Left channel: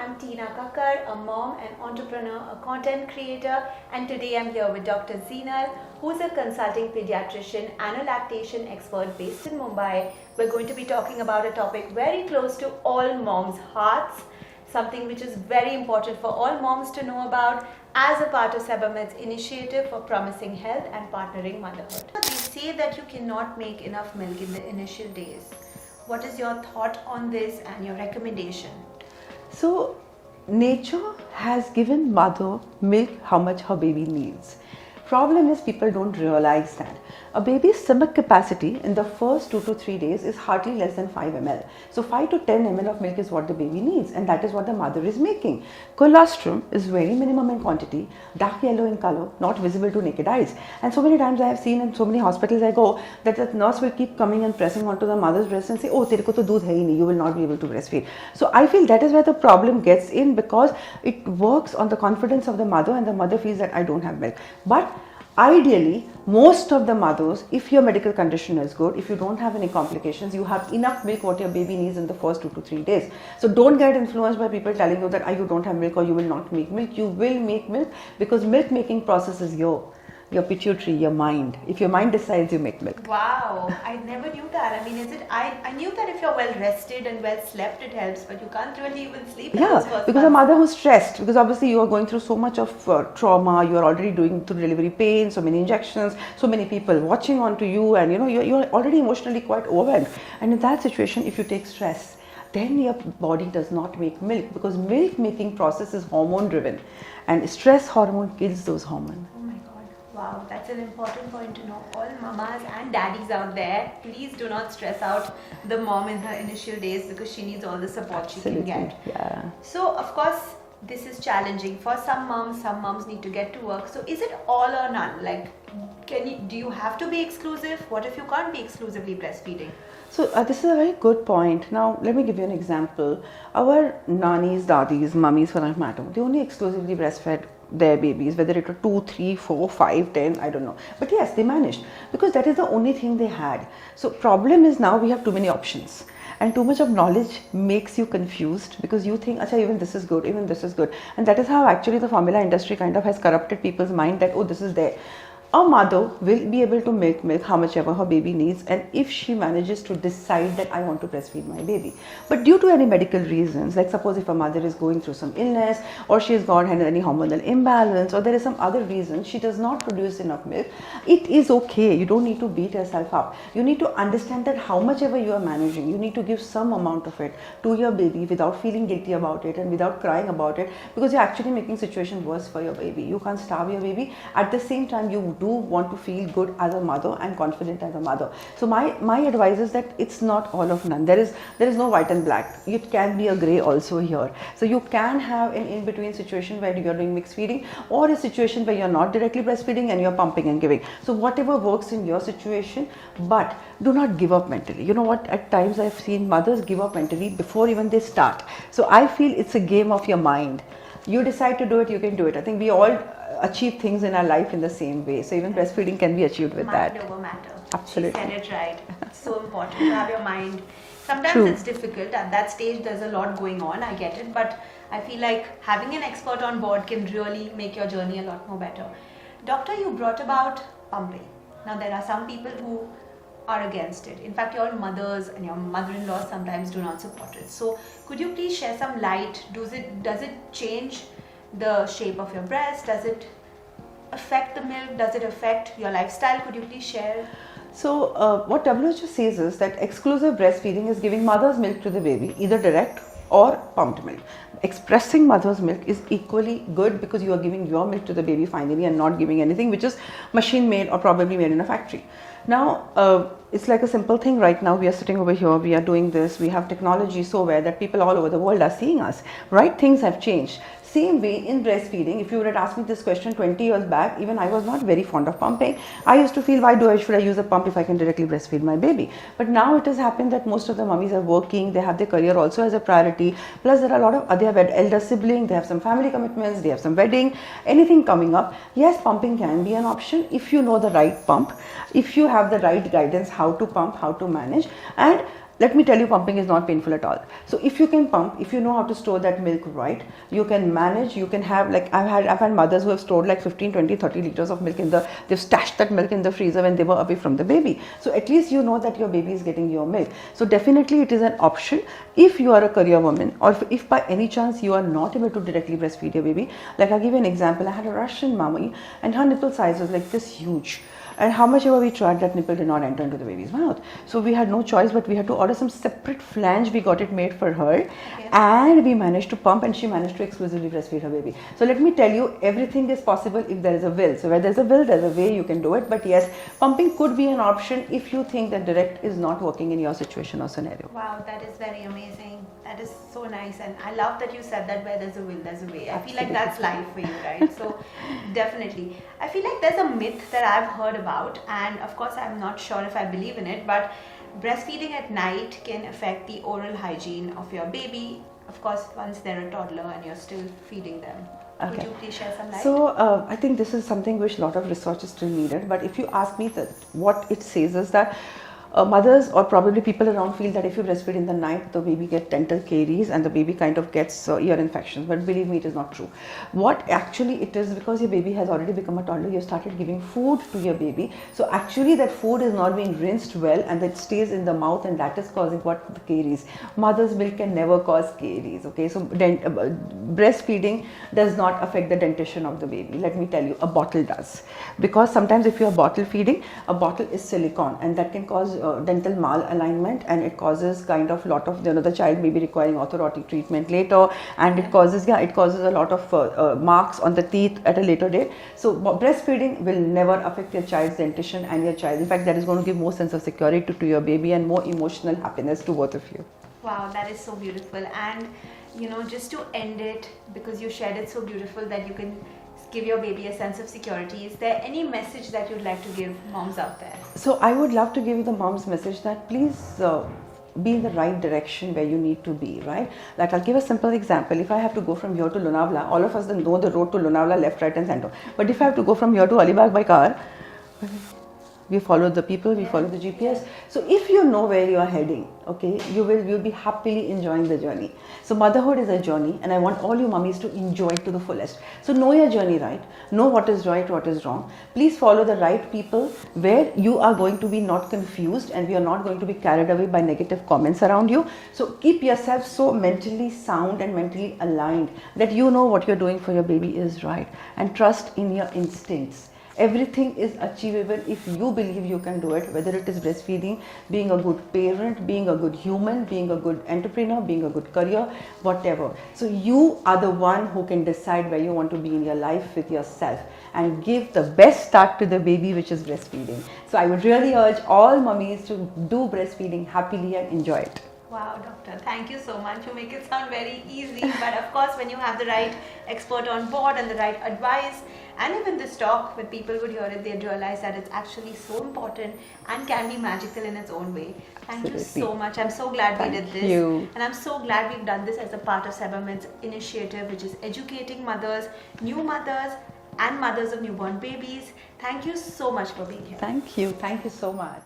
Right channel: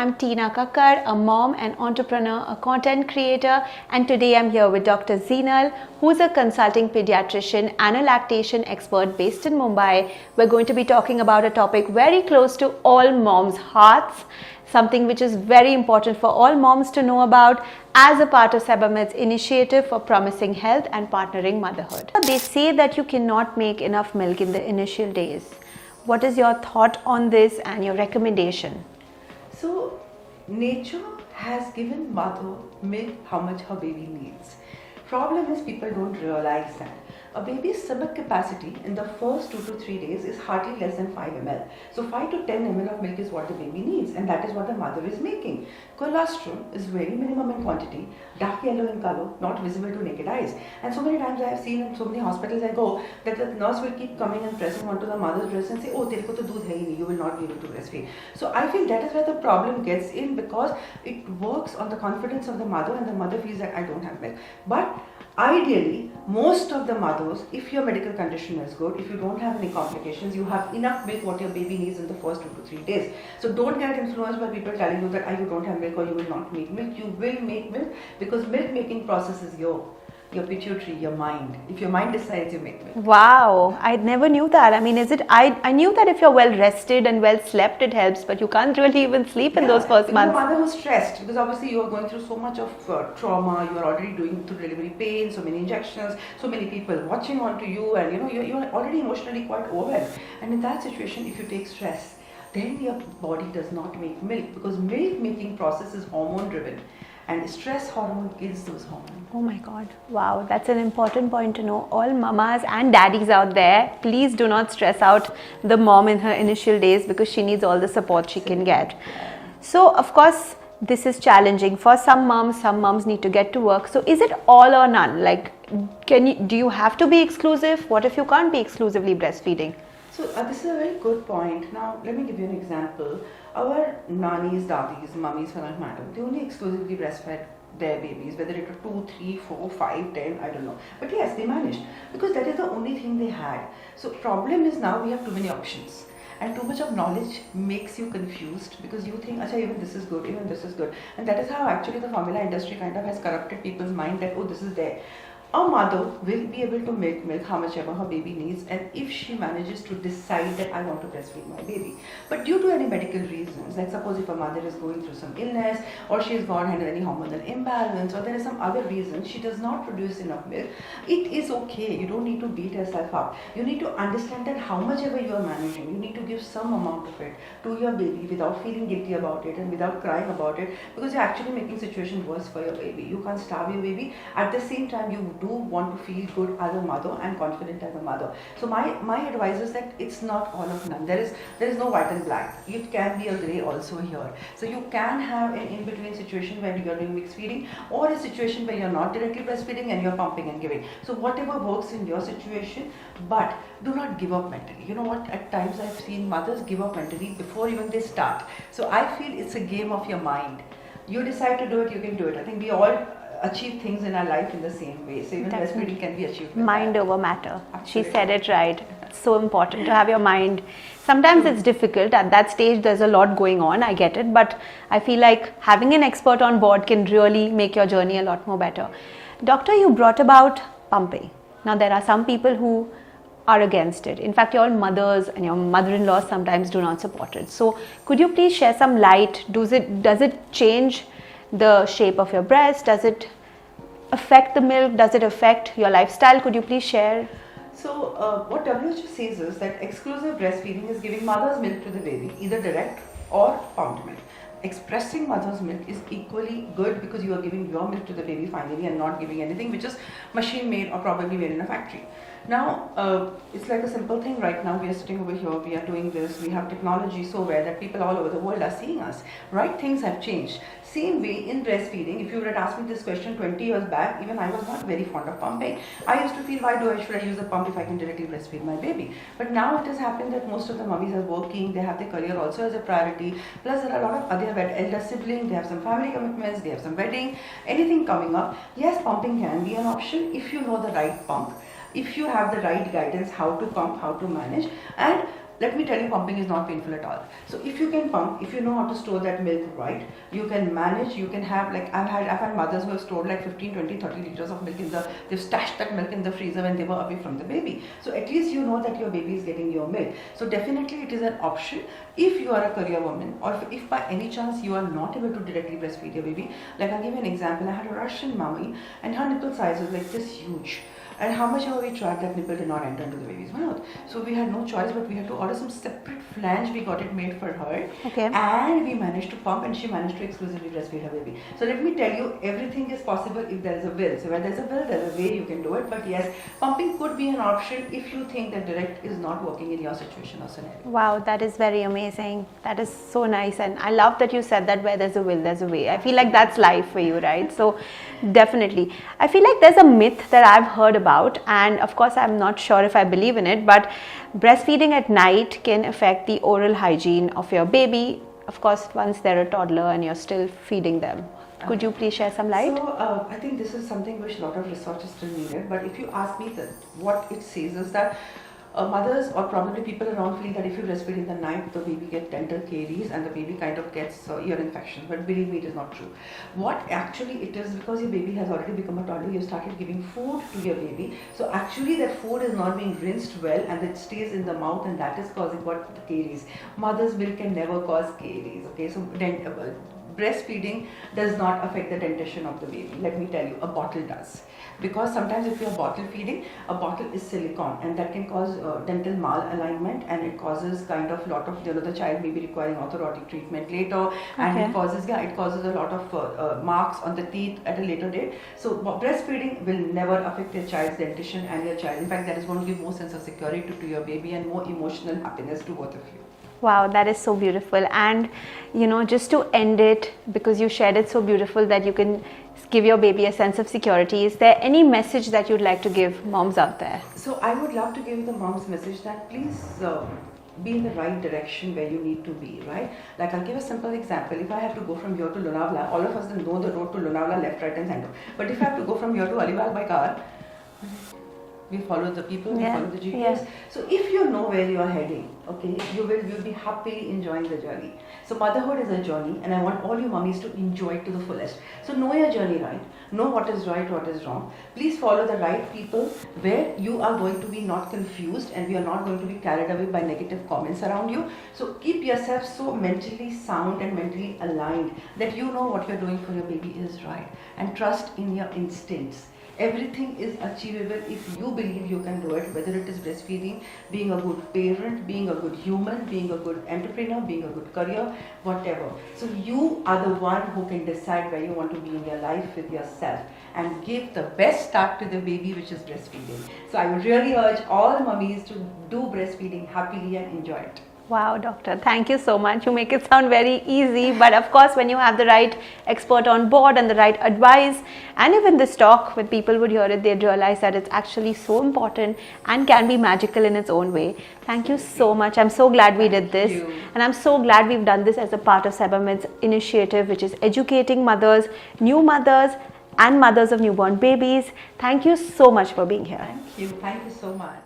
I'm Tina Kakkad, a mom, an entrepreneur, a content creator, and today I'm here with Dr. Zinal, who's a consulting pediatrician and a lactation expert based in Mumbai. We're going to be talking about a topic very close to all moms' hearts, something which is very important for all moms to know about as a part of Sebamed's initiative for Promising Health and Partnering Motherhood. They say that you cannot make enough milk in the initial days. What is your thought on this and your recommendation? So, nature has given mother milk how much her baby needs. Problem is people don't realize that. A baby's stomach capacity in the first 2 to 3 days is hardly less than 5 ml. So 5 to 10 ml of milk is what the baby needs, and that is what the mother is making. Colostrum is very minimum in quantity, dark yellow in color, not visible to naked eyes. And so many times I have seen in so many hospitals I go that the nurse will keep coming and pressing onto the mother's breast and say, oh, tere ko to doodh hai hi nahi, you will not be able to breastfeed. So I feel that is where the problem gets in, because it works on the confidence of the mother, and the mother feels that I don't have milk. But ideally, most of the mothers, if your medical condition is good, if you don't have any complications, you have enough milk what your baby needs in the first 2 to 3 days. So don't get influenced by people telling you that you don't have milk or you will not make milk. You will make milk, because milk making process is your pituitary, your mind. If your mind decides, you make milk. Wow, I never knew that. I mean, I knew that if you're well rested and well slept, it helps, but you can't really even sleep in those first because months. the mother was stressed, because obviously you are going through so much of trauma, you are already doing through delivery pain, so many injections, so many people watching onto you, and you're already emotionally quite overwhelmed. And in that situation, if you take stress, then your body does not make milk, because milk making process is hormone driven, and stress hormone kills those hormones. Oh my God. Wow, that's an important point to know. All mamas and daddies out there, please do not stress out the mom in her initial days, because she needs all the support she can get. Yeah. So, of course, this is challenging for some moms need to get to work. So, is it all or none? Like, do you have to be exclusive? What if you can't be exclusively breastfeeding? So this is a very good point. Now let me give you an example. Our nannies, daddies, mummies for that matter, they only exclusively breastfed their babies, whether it was 2, 3, 4, 5, 10, I don't know. But yes, they managed, because that is the only thing they had. So problem is now we have too many options. And too much of knowledge makes you confused, because you think, acha, even this is good, even this is good. And that is how actually the formula industry kind of has corrupted people's mind, that, oh, this is there. A mother will be able to make milk how much ever her baby needs, and if she manages to decide that I want to breastfeed my baby. But due to any medical reasons, like suppose if a mother is going through some illness, or she has got any hormonal imbalance, or there is some other reason she does not produce enough milk, it is okay. You don't need to beat yourself up. You need to understand that how much ever you are managing, you need to give some amount of it to your baby without feeling guilty about it and without crying about it, because you're actually making situation worse for your baby. You can't starve your baby. At the same time, you do want to feel good as a mother and confident as a mother. So my advice is that it's not all of none. There is no white and black. It can be a grey also here. So you can have an in-between situation where you're doing mixed feeding, or a situation where you're not directly breastfeeding and you're pumping and giving. So whatever works in your situation, but do not give up mentally. You know what, at times I've seen mothers give up mentally before even they start. So I feel it's a game of your mind. You decide to do it, you can do it. I think we all achieve things in our life in the same way. So even breastfeeding can be achieved with mind that. over matter. Absolutely. She said it right. It's so important to have your mind. Sometimes it's difficult. At that stage, there's a lot going on. I get it. But I feel like having an expert on board can really make your journey a lot more better. Doctor, you brought about pumping. Now, there are some people who are against it. In fact, your mothers and your mother-in-law sometimes do not support it. So could you please share some light? Does it change the shape of your breast? Does it affect the milk? Does it affect your lifestyle? Could you please share? So what WHO says is that exclusive breastfeeding is giving mother's milk to the baby, either direct or pumped milk. Expressing mother's milk is equally good, because you are giving your milk to the baby finally and not giving anything which is machine made or probably made in a factory. Now, it's like a simple thing right now. We are sitting over here, we are doing this, we have technology so well that people all over the world are seeing us, right? Things have changed. Same way in breastfeeding, if you would have asked me this question 20 years back, even I was not very fond of pumping. I used to feel, should I use a pump if I can directly breastfeed my baby? But now it has happened that most of the mummies are working, they have their career also as a priority, plus there are a lot of other elder siblings, they have some family commitments, they have some wedding, anything coming up. Yes, pumping can be an option if you know the right pump, if you have the right guidance how to pump, how to manage, and let me tell you, pumping is not painful at all. So if you can pump, if you know how to store that milk right, you can manage, you can have, like I've had mothers who have stored like 15, 20, 30 liters of milk they've stashed that milk in the freezer when they were away from the baby. So at least you know that your baby is getting your milk. So definitely it is an option if you are a career woman, or if by any chance you are not able to directly breastfeed your baby. Like I'll give you an example. I had a Russian mommy and her nipple size was like this huge. And how much ever we tried, that nipple did not enter into the baby's mouth. So we had no choice, but we had to order some separate flange. We got it made for her. Okay. And we managed to pump, and she managed to exclusively breastfeed her baby. So let me tell you, everything is possible if there is a will. So where there's a will, there's a way you can do it. But yes, pumping could be an option if you think that direct is not working in your situation or scenario. Wow, that is very amazing. That is so nice. And I love that you said that where there's a will, there's a way. I feel like that's life for you, right? So definitely. I feel like there's a myth that I've heard about, and of course I'm not sure if I believe in it, but breastfeeding at night can affect the oral hygiene of your baby, of course once they're a toddler and you're still feeding them. Could you please share some light? So I think this is something which a lot of research is still needed, but if you ask me, that what it says is that mothers or probably people around feel that if you breastfeed in the night, the baby gets dental caries and the baby kind of gets ear infections. But believe me, it is not true. What actually it is, because your baby has already become a toddler, you started giving food to your baby. So actually that food is not being rinsed well and that stays in the mouth, and that is causing what? The caries. Mother's milk can never cause caries. Okay, so breastfeeding does not affect the dentition of the baby. Let me tell you, a bottle does. Because sometimes if you are bottle feeding, a bottle is silicone and that can cause dental malalignment, and it causes kind of lot of, the child may be requiring orthodontic treatment later, and it causes a lot of marks on the teeth at a later date. So breastfeeding will never affect your child's dentition and your child. In fact, that is going to give more sense of security to your baby and more emotional happiness to both of you. Wow, that is so beautiful. And just to end it, because you shared it so beautiful that you can give your baby a sense of security, is there any message that you'd like to give moms out there? So I would love to give the moms message that please be in the right direction where you need to be, right? Like I'll give a simple example. If I have to go from here to Lonavala, all of us know the road to Lonavala left, right and center. But if I have to go from here to Alibag by car, we follow the people, we follow the GPS. So if you know where you are heading, okay, you'll be happily enjoying the journey. So motherhood is a journey, and I want all you mummies to enjoy it to the fullest. So know your journey right, know what is right, what is wrong. Please follow the right people where you are going to be not confused and we are not going to be carried away by negative comments around you. So keep yourself so mentally sound and mentally aligned that you know what you're doing for your baby is right, and trust in your instincts. Everything is achievable if you believe you can do it, whether it is breastfeeding, being a good parent, being a good human, being a good entrepreneur, being a good career, whatever. So you are the one who can decide where you want to be in your life with yourself and give the best start to the baby, which is breastfeeding. So I would really urge all mummies to do breastfeeding happily and enjoy it. Wow, doctor, thank you so much. You make it sound very easy, but of course when you have the right expert on board and the right advice, and even this talk, when people would hear it, they'd realize that it's actually so important and can be magical in its own way. Thank you so much. I'm so glad we did this. And I'm so glad we've done this as a part of Sebamed's initiative, which is educating mothers, new mothers and mothers of newborn babies. Thank you so much for being here. Thank you so much.